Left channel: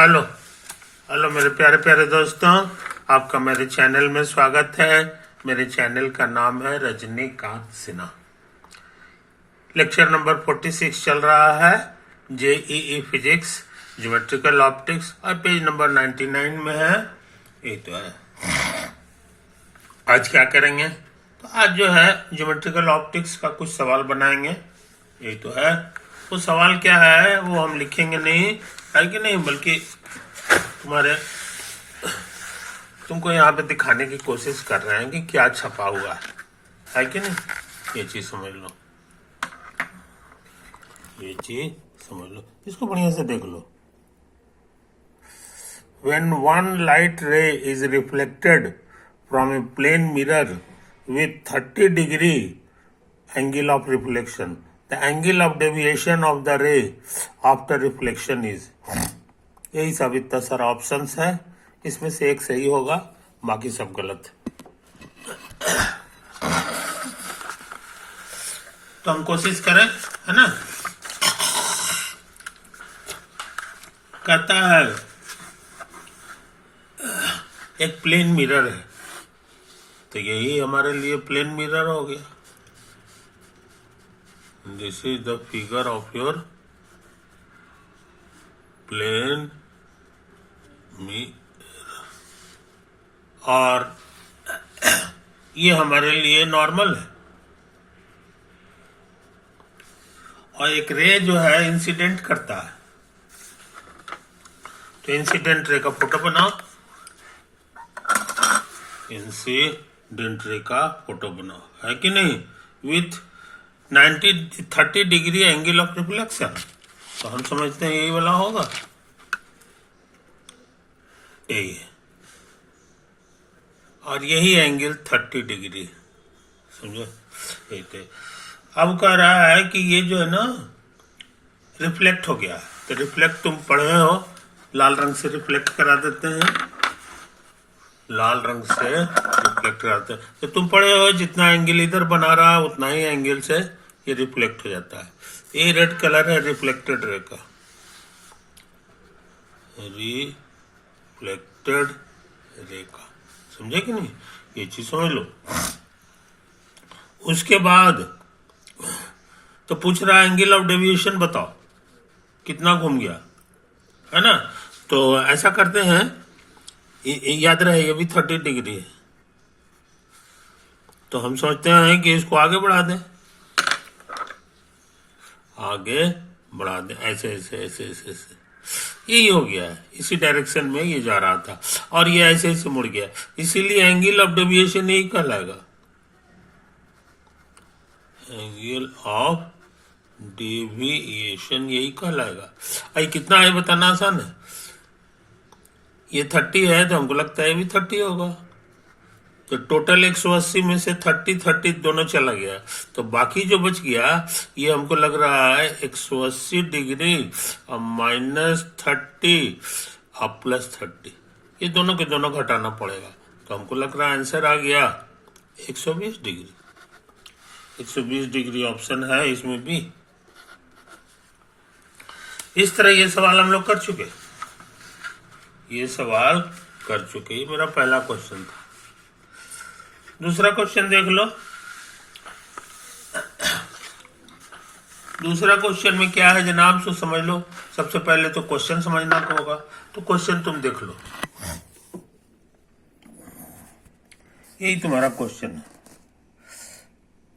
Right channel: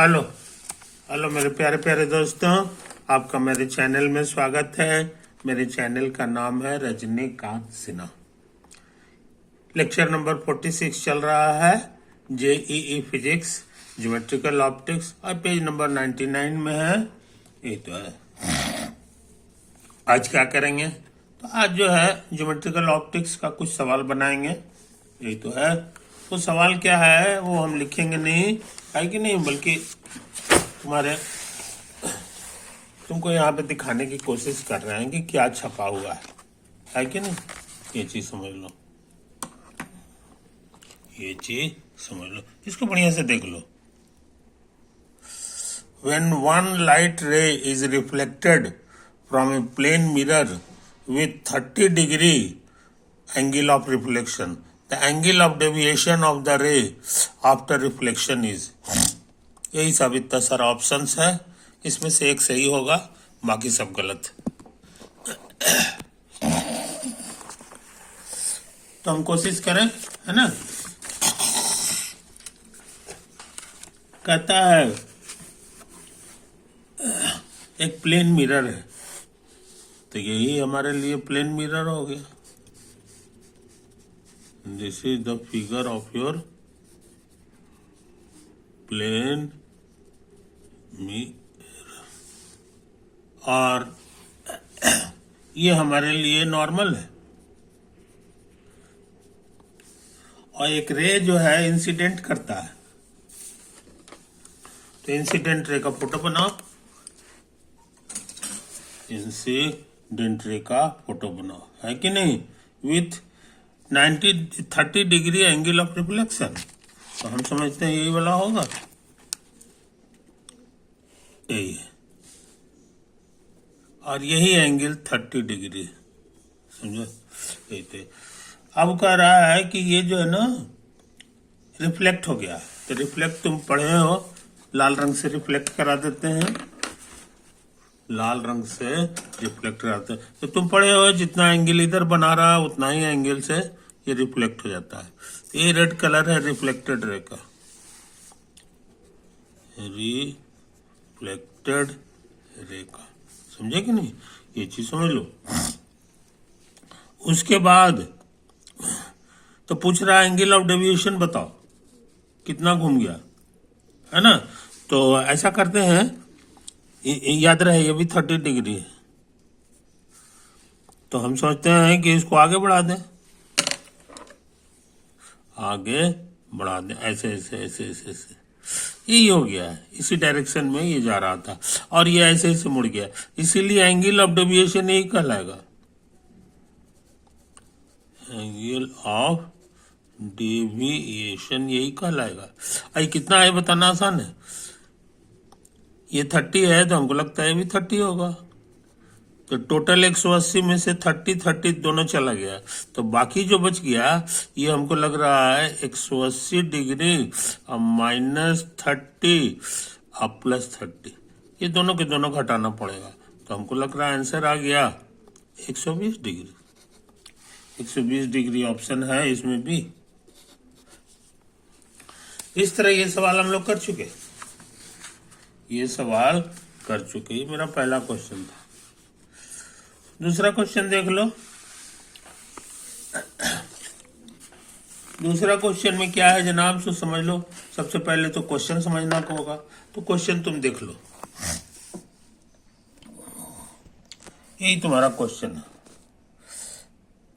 Hello hello मेरे प्यारे प्यारे दोस्तों, आपका मेरे चैनल में स्वागत है। मेरे चैनल का नाम है रजनीकांत सिन्हा। लेक्चर नंबर 46 चल रहा है, जेईई फिजिक्स ज्योमेट्रिकल ऑप्टिक्स, और पेज नंबर 99 में है। ये तो है। आज क्या करेंगे? तो आज जो है ज्योमेट्रिकल ऑप्टिक्स का कुछ सवाल बनाएंगे। ये तो है। वो सवाल क्या है वो हम लिखेंगे नहीं, है कि नहीं, बल्कि तुमको यहाँ पे दिखाने की कोशिश कर रहे हैं कि क्या छपा हुआ है कि नहीं। ये चीज समझ लो, ये चीज समझ लो, इसको बढ़िया से देख लो। When one light ray is reflected from a plane mirror with 30-degree angle of reflection, the angle of deviation of the ray after reflection is, यही सब इतना सारा ऑप्शंस है, इसमें से एक सही होगा, बाकी सब गलत। तो हम कोशिश करें, है ना। कहता है एक प्लेन मिरर है, तो यही हमारे लिए प्लेन मिरर हो गया। This is the figure of your plane mirror, और ये हमारे लिए नॉर्मल है। और एक रे जो है इंसिडेंट करता है, तो इंसिडेंट रे का फोटो बनाओ, इंसिडेंट रे का फोटो बनाओ, है कि नहीं, with 30 degree angle of reflection. तो हम समझते हैं यही वाला होगा, यही है, और यही एंगल 30 डिग्री, समझो। अब कह रहा है कि ये जो है ना रिफ्लेक्ट हो गया, तो रिफ्लेक्ट तुम पढ़े हो, लाल रंग से रिफ्लेक्ट करा देते हैं, लाल रंग से रिफ्लेक्ट कराते हैं। तो तुम पढ़े हो जितना एंगल इधर बना रहा है उतना ही एंगल से ये रिफ्लेक्ट हो जाता है। ये रेड कलर है रिफ्लेक्टेड रे का, रिफ्लेक्टेड रे का, समझे कि नहीं, ये चीज समझ लो। उसके बाद तो पूछ रहा है एंगल ऑफ डेविएशन बताओ कितना घूम गया, है ना। तो ऐसा करते हैं, याद रहे ये भी 30 डिग्री है, तो हम सोचते हैं कि इसको आगे बढ़ा दें, आगे बढ़ा दें, ऐसे ऐसे ऐसे ऐसे ऐसे, यही हो गया है, इसी डायरेक्शन में ये जा रहा था और ये ऐसे ऐसे मुड़ गया, इसीलिए एंगल ऑफ डेविएशन यही कहलाएगा, एंगल ऑफ डेविएशन यही कहलाएगा। अरे कितना है बताना आसान है, ये 30 है तो हमको लगता है भी 30 होगा, तो टोटल 180 में से 30 दोनों चला गया, तो बाकी जो बच गया ये हमको लग रहा है 180 डिग्री माइनस 30 और प्लस 30, ये दोनों के दोनों घटाना पड़ेगा, तो हमको लग रहा है आंसर आ गया 120 डिग्री। 120 डिग्री ऑप्शन है इसमें भी। इस तरह ये सवाल हम लोग कर चुके, ये सवाल कर चुके, ये मेरा पहला क्वेश्चन था। दूसरा क्वेश्चन देख लो। दूसरा क्वेश्चन में क्या है जनाब, सो समझ लो। सबसे पहले तो क्वेश्चन समझना होगा, तो क्वेश्चन तुम देख लो, यही तुम्हारा क्वेश्चन है।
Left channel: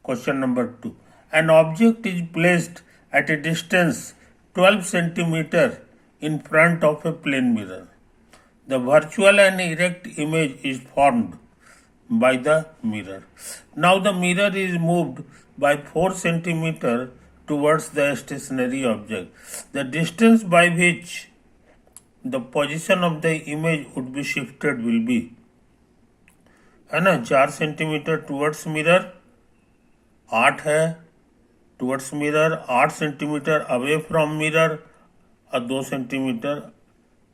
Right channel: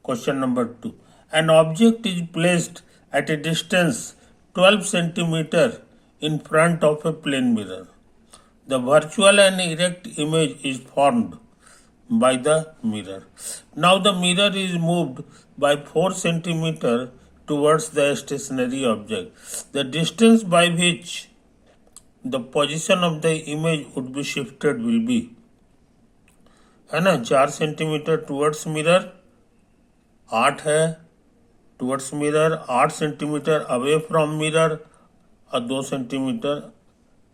Question number 2, N object is placed at A distance 12 centimetre in front of a plane mirror. The virtual and erect image is formed by the mirror. Now the mirror is moved by 4 centimeter towards the stationary object. The distance by which the position of the image would be shifted will be, है ना, 4 centimetre towards mirror, 8 है towards mirror, 8 centimetre away from mirror और 2 centimetre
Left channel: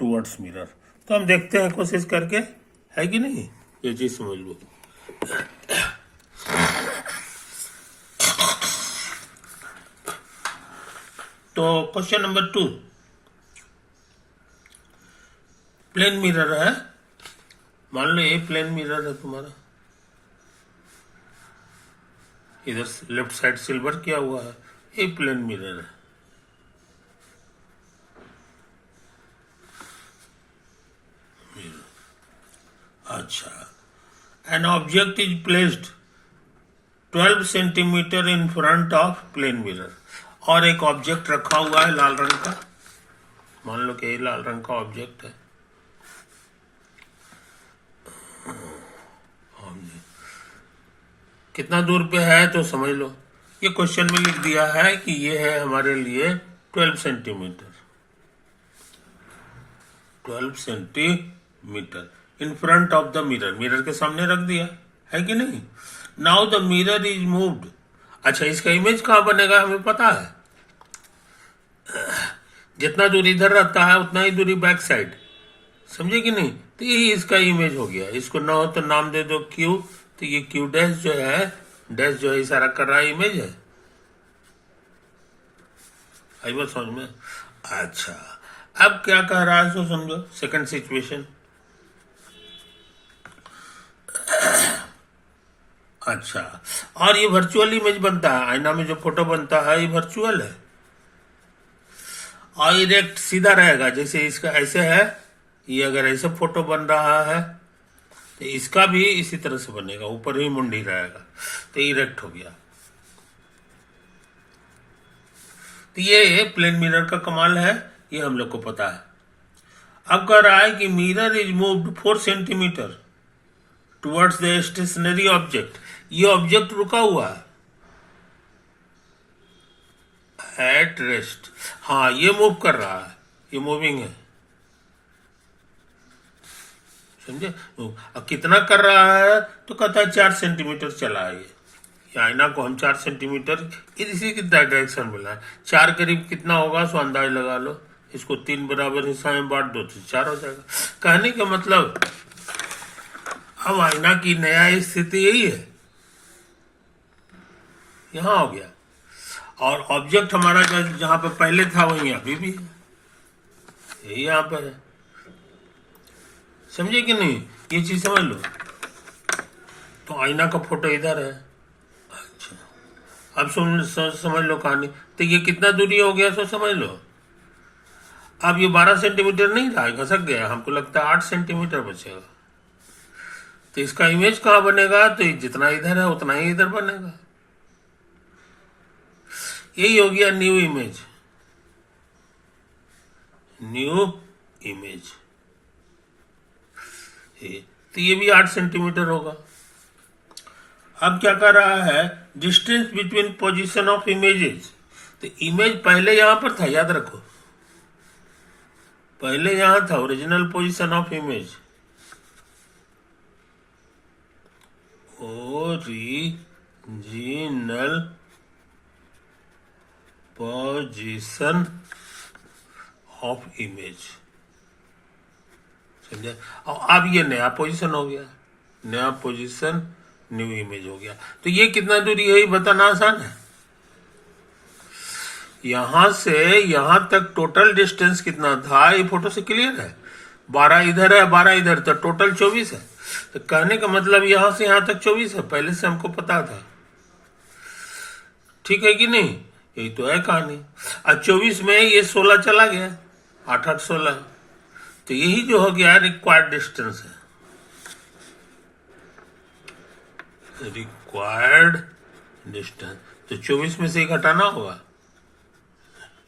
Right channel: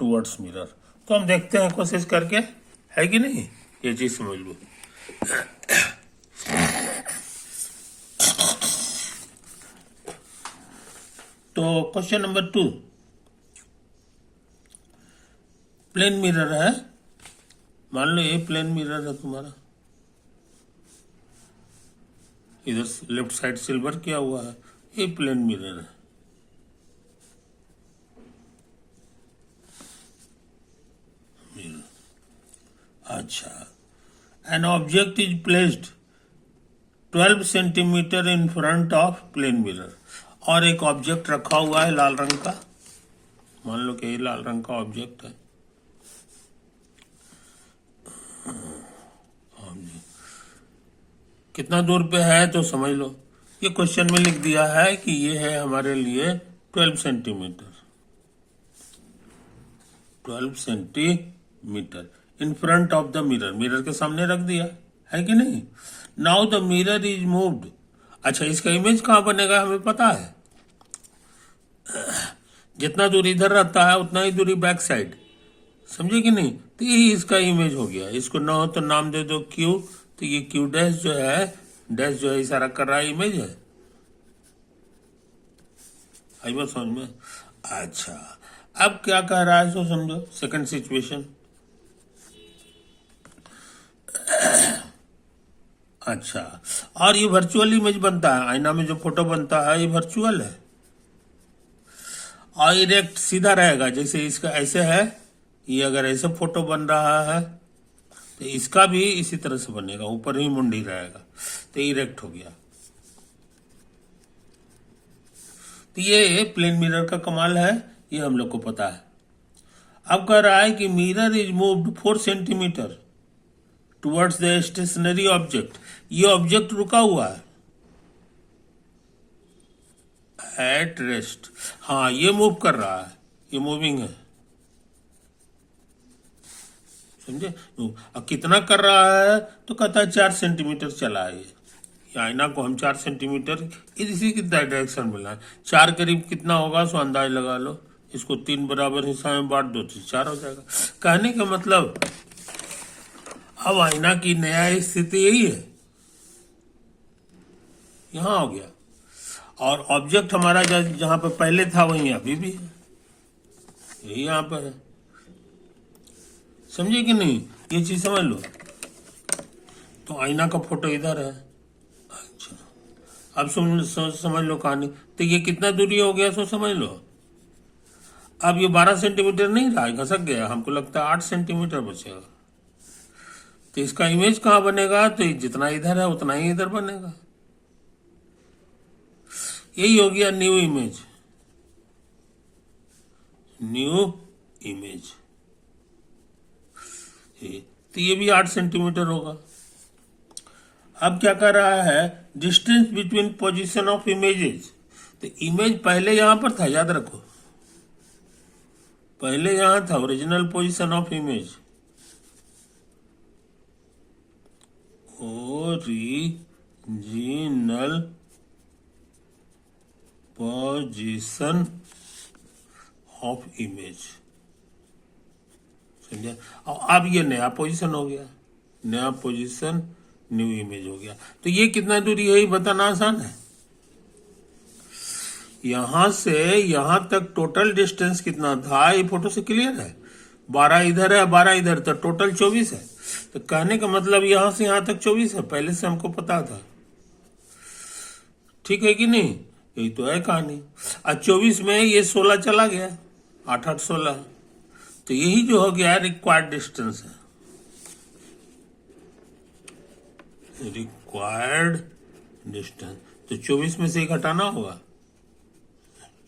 towards mirror. तो हम देखते हैं कोशिश करके, है कि नहीं, ये चीज समझ लो। तो क्वेश्चन नंबर 2, प्लेन मिरर है, मान लो ये प्लेन मिरर है तुम्हारा, इधर लेफ्ट साइड सिल्वर किया हुआ है, ये प्लेन मिरर है। अच्छा, an object is placed 12 centimetre in front of plane mirror, और एक ऑब्जेक्ट रखा हुआ है लाल रंग का, मान लो कि ये लाल रंग का ऑब्जेक्ट है, कितना दूर पे है तो समझ लो, ये क्वेश्चन में लिख दिया है कि ये है हमारे लिए 12 centimetre, 12 centimetre in front of the mirror, mirror के सामने रख दिया है कि नहीं। Now the mirror is moved, अच्छा इसका इमेज कहाँ बनेगा हमें पता है, जितना दूर इधर रहता है उतना ही दूरी बैक साइड, समझे कि नहीं। तो यही इसका इमेज हो गया, इसको ना हो तो नाम दे दो क्यू, तो ये क्यू डैश जो है, डैश जो है इशारा कर रहा है इमेज है, आई बात समझ में। अच्छा अब क्या कह रहा है सो समझो, सेकंड सिचुएशन। अच्छा, और ये वर्चुअल इमेज बनता है, आईना में जो फोटो बनता है ये वर्चुअल है, और इरेक्ट सीधा रहेगा, जैसे इसका ऐसे है, ये अगर ऐसे फोटो बन रहा है तो इसका भी इसी तरह से बनेगा, ऊपर ही मुंडी रहेगा, तो इरेक्ट हो गया। तो ये प्लेन मिरर का कमाल है, ये हम लोग को पता है। अब कह रहा है कि mirror is moved 4 centimetre towards the stationary object, ये ऑब्जेक्ट रुका हुआ है एट रेस्ट, हाँ ये मूव कर रहा है, ये मूविंग है, समझे। अब कितना कर रहा है तो कहता है 4 सेंटीमीटर चला है, ये आईना को हम 4 सेंटीमीटर इसी की डायरेक्शन में लाए, 4 करीब कितना होगा सो अंदाज लगा लो, इसको 3 बराबर हिस्सा में बांट दो तो 4 हो जाएगा। कहने का मतलब अब आईना की नया स्थिति यही है, यहां हो गया, और ऑब्जेक्ट हमारा जहां पे पहले था वहीं अभी भी है, यही यहां पर है, समझे कि नहीं, ये चीज समझ लो। तो आईना का फोटो इधर है, अच्छा अब समझ लो कहानी, तो ये कितना दूरी हो गया सो समझ लो। अब ये 12 सेंटीमीटर नहीं रहा, घसक गया, हमको लगता है 8 सेंटीमीटर बचेगा, तो इसका इमेज कहाँ बनेगा, तो जितना इधर है उतना ही इधर बनेगा, यही हो गया न्यू इमेज, न्यू इमेज। तो ये भी 8 सेंटीमीटर होगा। अब क्या कर रहा है, distance between position of images, तो इमेज पहले यहां पर था, याद रखो पहले यहां था original position of image, original position of image, समझे। और अब ये नया पोजीशन हो गया, नया पोजीशन न्यू इमेज हो गया। तो ये कितना दूरी है ये बताना आसान है, यहां से यहां तक टोटल डिस्टेंस कितना था ये फोटो से क्लियर है, 12 इधर है 12 इधर, तो टोटल 24 है। तो कहने का मतलब यहां से यहां तक 24 है, पहले से हमको पता था, ठीक है कि नहीं, यही तो है कहानी। अब 24 में ये 16 चला गया, 8 8 16, तो यही जो हो गया रिक्वायर्ड डिस्टेंस है, रिक्वायर्ड डिस्टेंस। तो 24 में से घटाना होगा,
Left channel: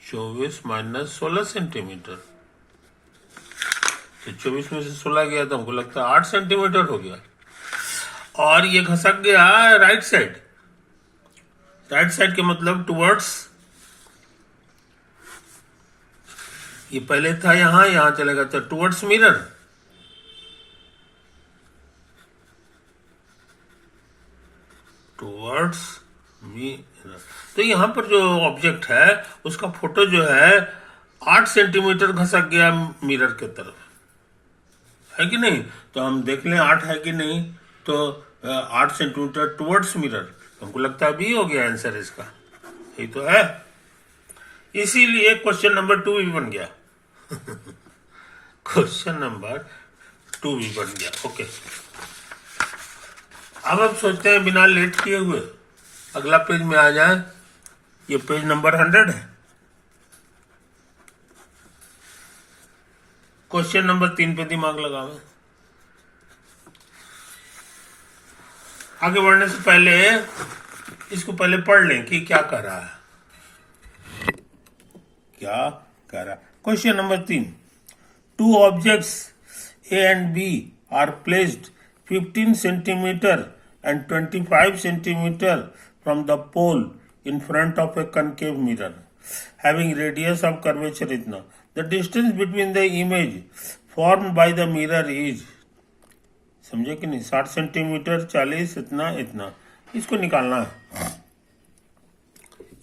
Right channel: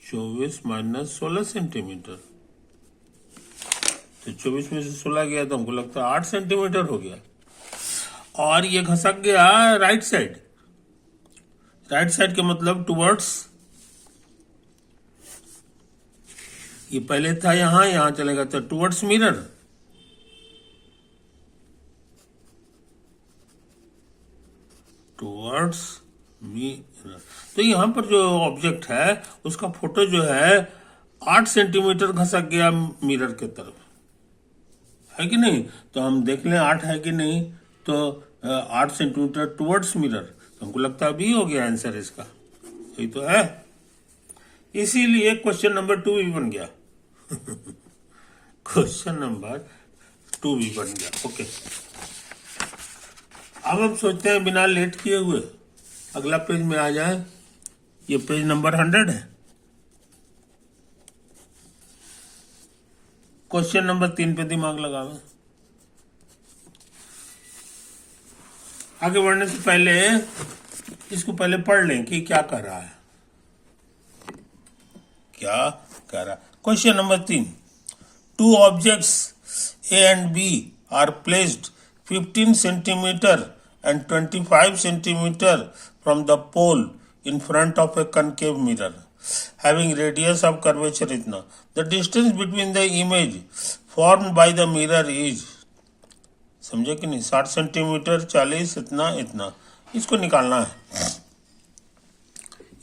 24 माइनस 16 सेंटीमीटर, तो 24 में से 16 गया तो हमको लगता है 8 सेंटीमीटर हो गया। और ये घसक गया राइट साइड, राइट साइड के मतलब टुवर्ड्स, ये पहले था यहां, यहां चलेगा तो टुवर्ड्स मिरर, टुवर्ड्स मिरर। तो यहां पर जो ऑब्जेक्ट है उसका फोटो जो है 8 सेंटीमीटर घसक गया मिरर के तरफ, है कि नहीं। तो हम देख लें 8 है कि नहीं, तो 8 सेंटीमीटर टुवर्ड्स मिरर, हमको लगता है बी हो गया आंसर इसका, यही तो है। इसीलिए क्वेश्चन नंबर 2 भी बन गया क्वेश्चन नंबर 2 भी बन गया। ओके, अब हम सोचते हैं बिना लेट किए हुए अगला पेज में आ जाए। ये पेज नंबर 100 है। क्वेश्चन नंबर 3 पे दिमाग लगावे। आगे बढ़ने से पहले इसको पहले पढ़ लें कि क्या कर रहा है, क्या कर रहा है। Question number 3, 2 objects A and B are placed 15 centimeter and 25 centimeter from the pole in front of a concave mirror having radius of curvature इतना. The distance between the image formed by the mirror is, समझे कि नहीं, 60 centimetre, 40 इतना इतना, इसको निकालना है।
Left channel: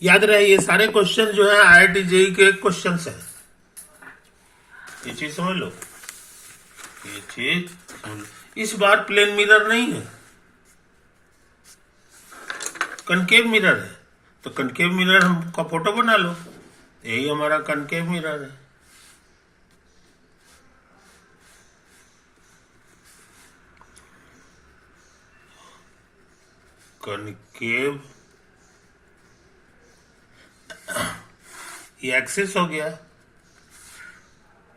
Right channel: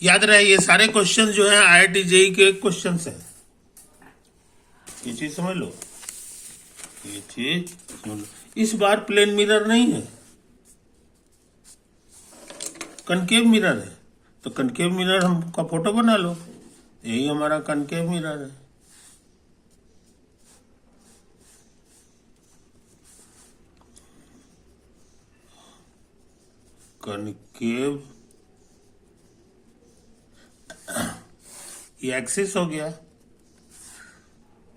याद रहे ये सारे क्वेश्चन जो है IIT JEE के क्वेश्चन है। ये चीज समझ लो, ये चीज समझ लो। इस बार प्लेन मिरर नहीं है, कनकेव मिरर है। तो कनकेव मिरर हमका फोटो बना लो, यही हमारा कनकेव मिरर है। कनकेव, ये एक्सिस हो गया,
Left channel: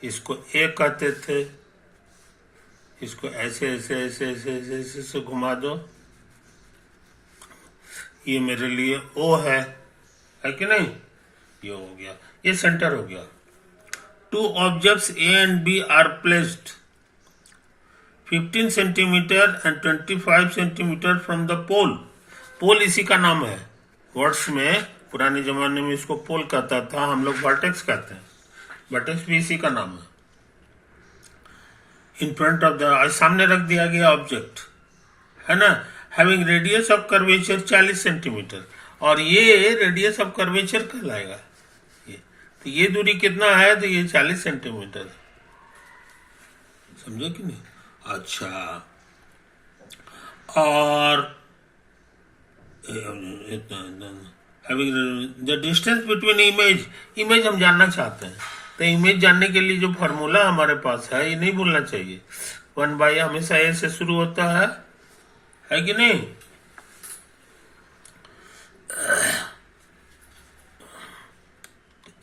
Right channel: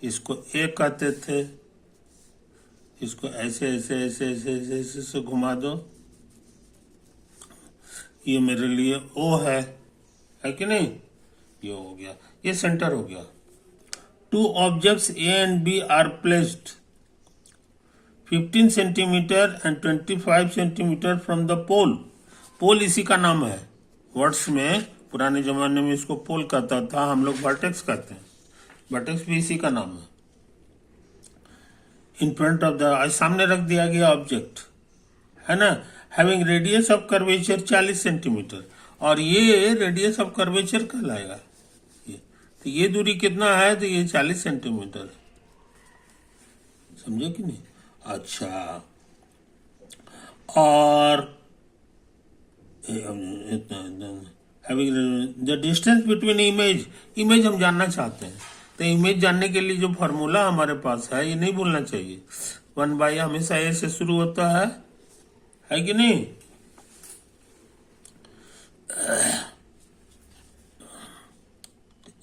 इसको ए कहते थे, इसको ऐसे ऐसे ऐसे ऐसे ऐसे ऐसे, ऐसे घुमा दो, ये मेरे लिए ओ है कि नहीं, ये हो गया, ये सेंटर हो गया। 2 objects A and B are placed 15 centimetre and 25 centimetre from the pole. Pole इसी का नाम है, वर्ड्स में पुराने जमाने में इसको पोल कहता था, हम लोग वर्टेक्स कहते हैं, वर्टेक्स भी इसी का नाम है। इन फ्रंट ऑफ द, सामने रख दिया गया ऑब्जेक्ट है ना, having radius of curvature 40 centimetre, और ये रेडियस ऑफ कर्वेचर कहलाएगा। ये तो ये दूरी कितना है, तो ये 40 सेंटीमीटर, समझे कि नहीं। अच्छा, और the distance between image, image हम जानना चाहते हैं, तो इमेज जानने के लिए जो फॉर्मूला हमारे पास है ये नहीं भूलना चाहिए। 1/, हमेशा ए से शुरू होता है कि नहीं।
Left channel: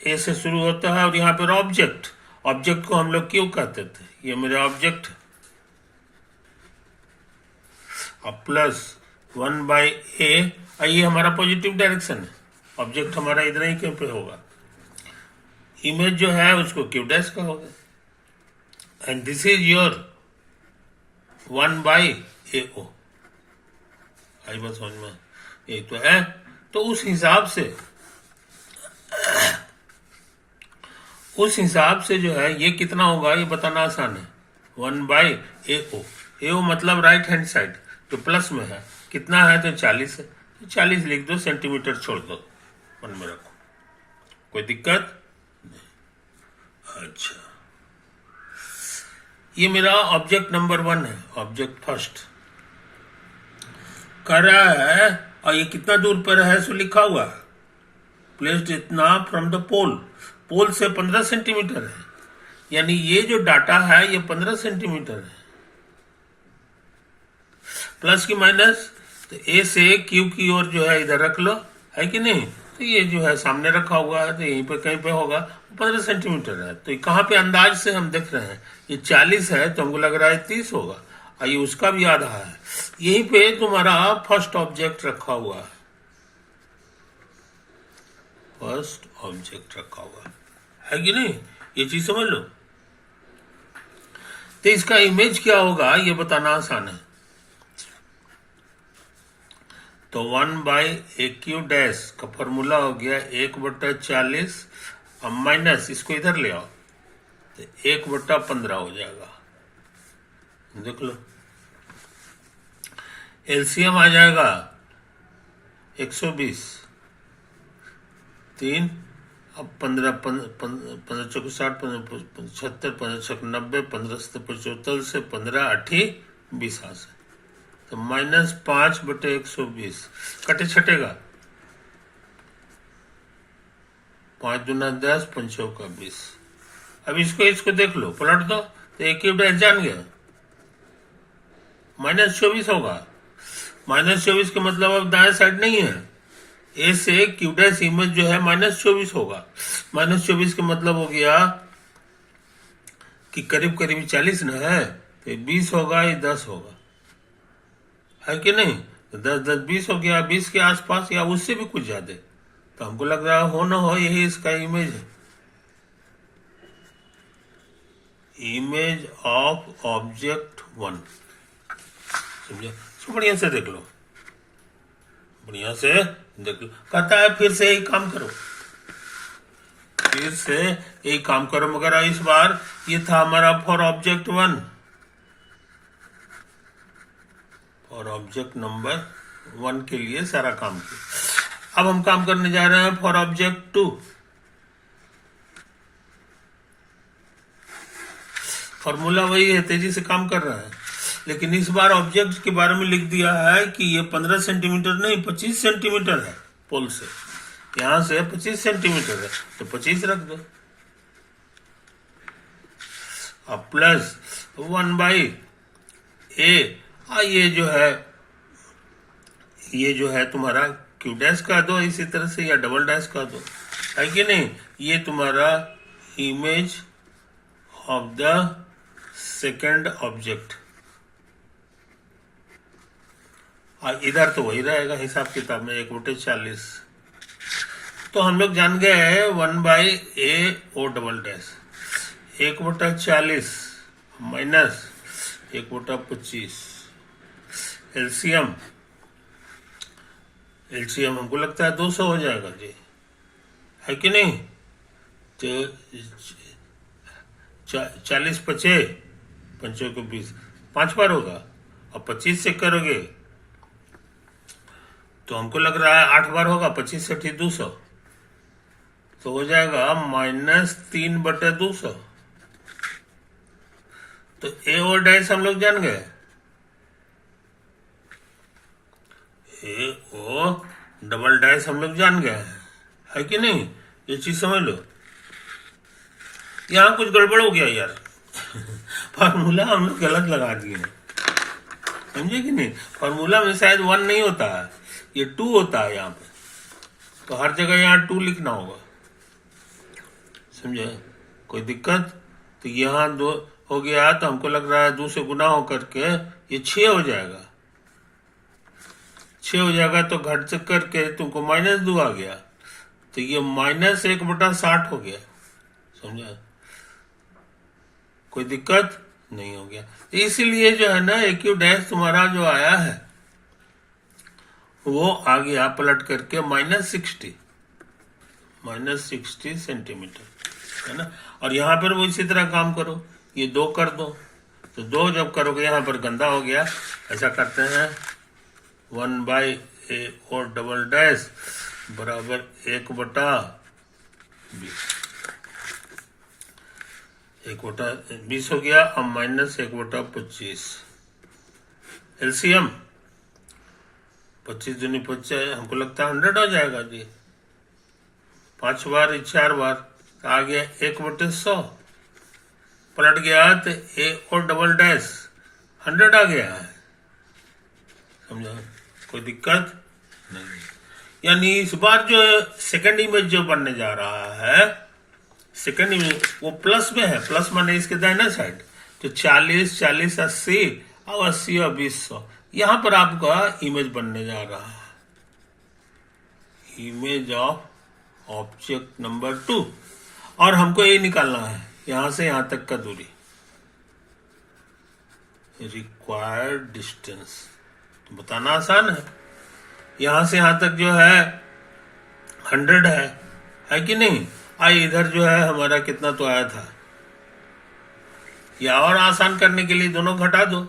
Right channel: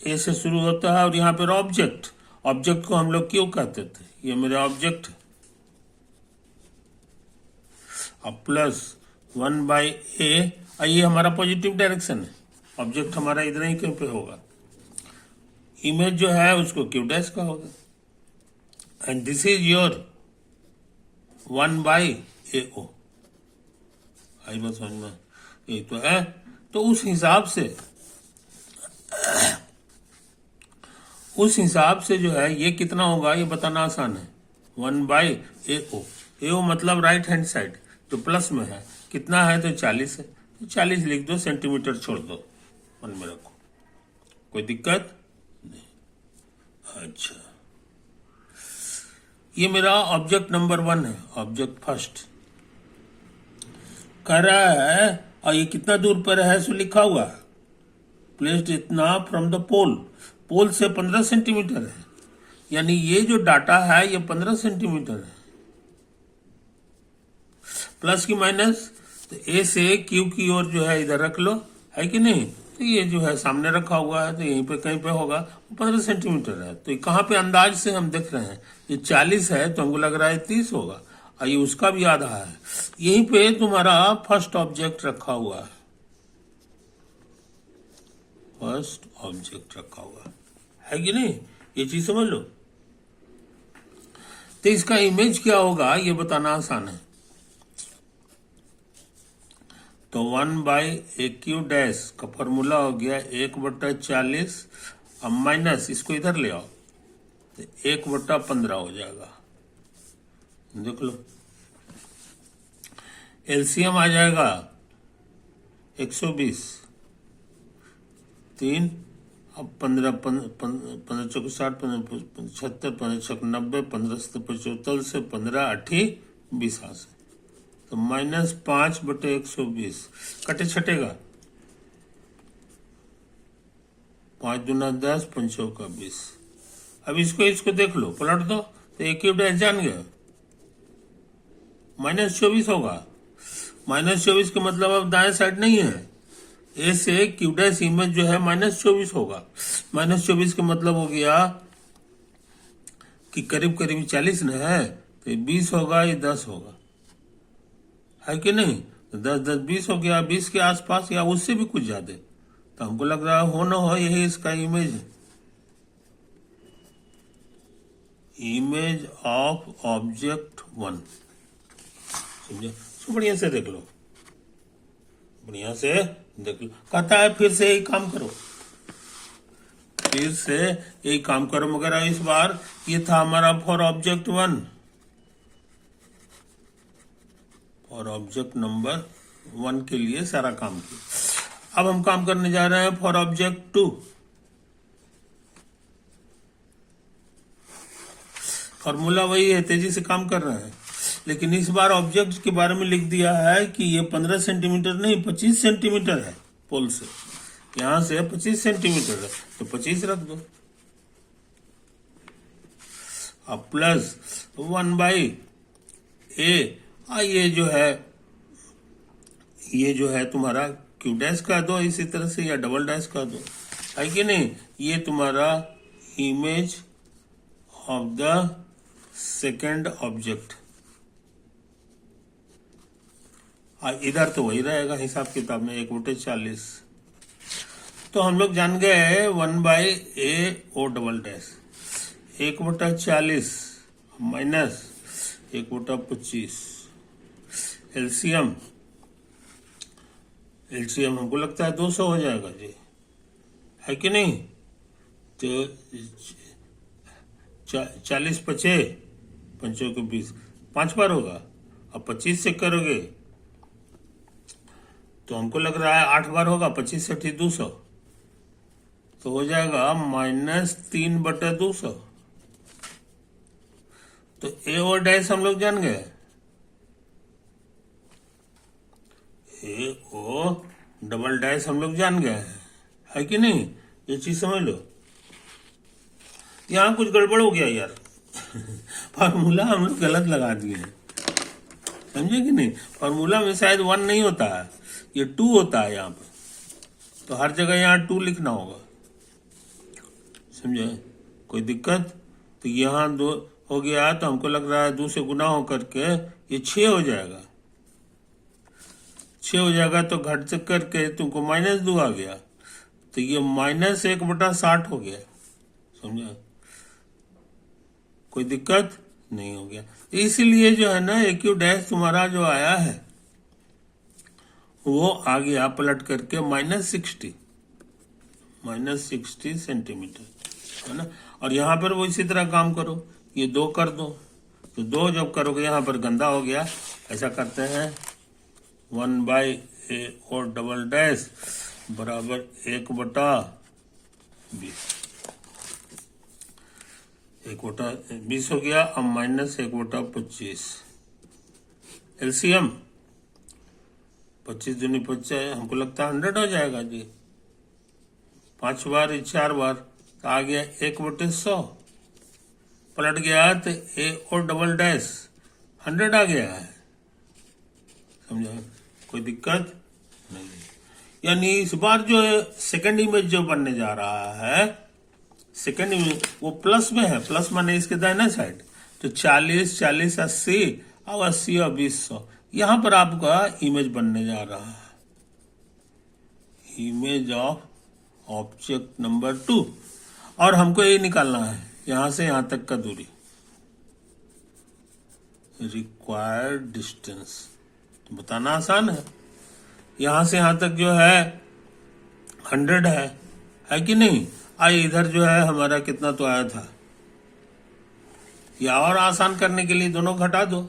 ए से शुरू होता है, और यहाँ पर ऑब्जेक्ट, ऑब्जेक्ट को हम लोग क्यों कहते थे, ये मेरे ऑब्जेक्ट, अब प्लस 1/a, ये हमारा पॉजिटिव डायरेक्शन है, ऑब्जेक्ट हमारा इधर ही क्यों पे होगा, इमेज जो है उसको क्यू डैश का होगा, and this is your 1/AO। आई बात समझ में, ये तो है। तो उस हिसाब से जो है ये कितना होगा ये बताना आसान है, 1/AO। AO मतलब राइट हैंड साइड, तो प्लस में है, कितना है तो 40 है, तो 40 लिख दो, सेंटीमीटर छोड़ दो, मन में रखो, कोई दिक्कत नहीं। अच्छा, ये मेरा ऑब्जेक्ट नंबर 1 है, ऑब्जेक्ट फर्स्ट कर रहा है, और ये कितना दूर पर है सो लिखा हुआ है, प्लेस्ड इतना फ्रॉम द पोल, पोल से 15 सेंटीमीटर है, यानी ये जो डाटा है ये 15 सेंटीमीटर है, प्लस की माइनस, तो ए से क्यू की ओर जो है इधर रख लो, है कि नहीं। तो ये जो है सामने रखा हुआ है, तो यहीं पे कहीं पे होगा, 15 सेंटीमीटर है, तो कहाँ पे अंदाज से हम देख रहे हैं, ये 40 है तो हमको लग रहा है 30 होगा, और ये उसका भी आधा है, यहीं पे तुम्हारा फर्स्ट ऑब्जेक्ट रखा हुआ है, फर्स्ट ऑब्जेक्ट रखा हुआ है कि नहीं, ये चीज समझ लो। तो इसका इमेज क्या होगा ये बताना आसान है, तो 1/AQ डैश का फॉर्मूला हो गया 1/40, अब माइनस इसको इधर ले आओ, तो 1/15 हो जाएगा, देख लो, एलसीएम आ जाएगा 120, 3, अब 15, 15 चौक 60, 75, 15 चौक 90, 15 से 75 से 15 8 20 से, तो -5/120 कटे छटेगा, 5 दूना 10, 5 चौका 20। अब इसको देख लो, पलट दो, तो ए क्यू डैश जान गए, -24 होगा। -24 के मतलब अब दाएं साइड नहीं है, ए से क्यू डैश इमेज जो है -24 होगा। -24 का मतलब हो गया कि करीब करीब 40 ना है, तो 20 होगा या 10 होगा, है कि नहीं? तो 10 10 20 हो गया, 20 के आसपास या उससे भी कुछ ज्यादा। तो हमको लग रहा है हो ना हो यही इसका इमेज है, इमेज ऑफ ऑब्जेक्ट 1। समझे? तो बढ़िया से देख लो, बढ़िया से देख लो। कहता है फिर से यही काम करो, फिर से यही काम करो, मगर इस बार ये था हमारा फॉर ऑब्जेक्ट 1, और ऑब्जेक्ट नंबर 1 के लिए सारा काम किया। अब हम काम करने जा रहे हैं फॉर ऑब्जेक्ट 2। फॉर्मूला वही है, तेजी से काम कर रहा है, लेकिन इस बार ऑब्जेक्ट के बारे में लिख दिया है कि ये 15 सेंटीमीटर नहीं 25 सेंटीमीटर है, पोल से यहां से 25 सेंटीमीटर है, तो 25 रख दो। अब प्लस 1/a, ये जो है तुम्हारा क्यू डैश का दो इसी तरह से, या डबल डैश का दो, है कि नहीं? ये तुम्हारा image of the second object, और इधर तो वही रहेगा हिसाब किताब में 1/40। तो हम लोग जान गए 1/a O double dash 1/40 minus 1/25। LCM हमको लगता है 200 हो जाएगा जी, है कि नहीं? तो 40 पचे, 5 को 20, 5 बार होगा, और 25 से करोगे तो हमको लग रहा है 8 बार होगा, 25 से 200, तो हो जाएगा -3/200। तो ए और डैश हम लोग जान गए, ए ओ डबल डैश हम लोग जान गए हैं, है कि नहीं? ये चीज समझ लो। यहाँ कुछ गड़बड़ हो गया यार फार्मूला हम लोग गलत लगा दिए, समझे कि नहीं? फार्मूला में शायद 1 नहीं होता है, ये 2 होता है यहाँ पे, तो हर जगह यहाँ 2 लिखना होगा, समझे? कोई दिक्कत? तो यहाँ 2 हो गया, तो हमको लग रहा है 2 से गुना हो करके ये 6 हो जाएगा। 6 हो जाएगा तो घट से करके तुमको -2 आ गया, तो ये -1/60 हो गया, समझा? कोई दिक्कत नहीं हो गया। इसीलिए जो है ना AQ डैश तुम्हारा जो आया है वो आ गया पलट करके -60 सेंटीमीटर, है ना? और यहाँ पर वो इसी तरह काम करो, ये 2 कर दो, तो 2 जब करोगे यहाँ पर गंदा हो गया, ऐसा करते हैं 1/a और डबल डैश बराबर 1/20, 1/20 हो गया, अब -1/25। एलसीएम 25 दूनी 25, हमको लगता है 100 हो जाएगा जी, 5 बार 4 बार, तो आ गया 1/100, पलट गया तो ए और डबल डैश 100 आ गया है, समझा? कोई दिक्कत नहीं। यानी इस बार जो सेकंड इमेज जो बनने जा रहा है, सेकंड इमेज वो प्लस में है, प्लस माने इसके दाहिना साइड, तो 40 40 80 और 80 और 200, यहां पर आपका इमेज बनने जा रहा है, इमेज ऑफ ऑब्जेक्ट नंबर 2। और हमको ये निकालना है यहां से यहां तक का दूरी, रिक्वायर्ड डिस्टेंस, तो बताना आसान है। यहां से यहां तक जो है 100 है कि नहीं? आई इधर जो है हमारा कितना तो आया था, या और आसान करने के लिए दोनों घटा दो,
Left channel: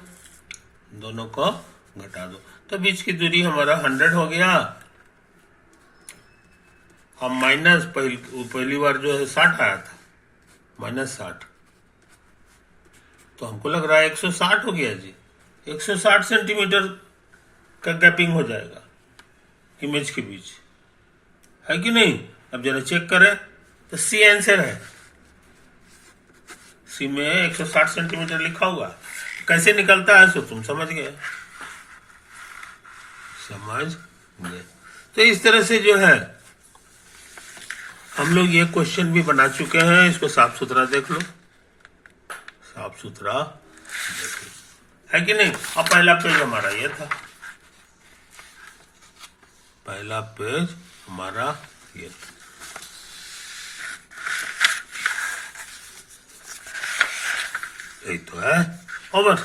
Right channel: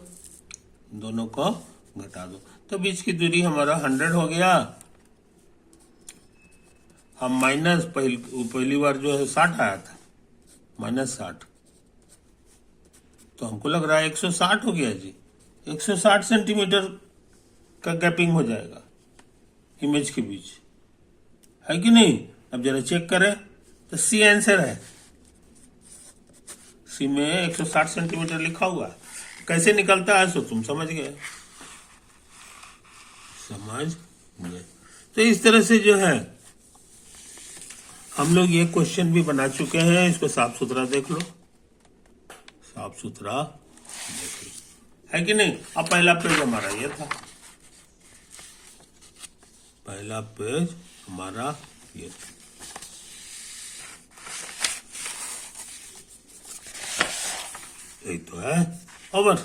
दोनों को घटा दो, तो बीच की दूरी हमारा 100 हो गया। अब माइनस पहली बार जो है 60 आया था, -60, तो हमको लग रहा है 160 हो गया जी, 160 सेंटीमीटर का गैपिंग हो जाएगा इमेज के बीच, है कि नहीं? अब जरा चेक करें, तो सी आंसर है, उसी में 160 सेंटीमीटर लिखा हुआ, कैसे निकलता है सो तुम समझ गए। तो इस तरह से जो है हम लोग ये क्वेश्चन भी बना चुके हैं, इसको साफ सुथरा देख लो, साफ सुथरा देख लो, है कि नहीं। अब पहला पेज हमारा ये था, पहला पेज हमारा ये था। यही तो है। ओवर।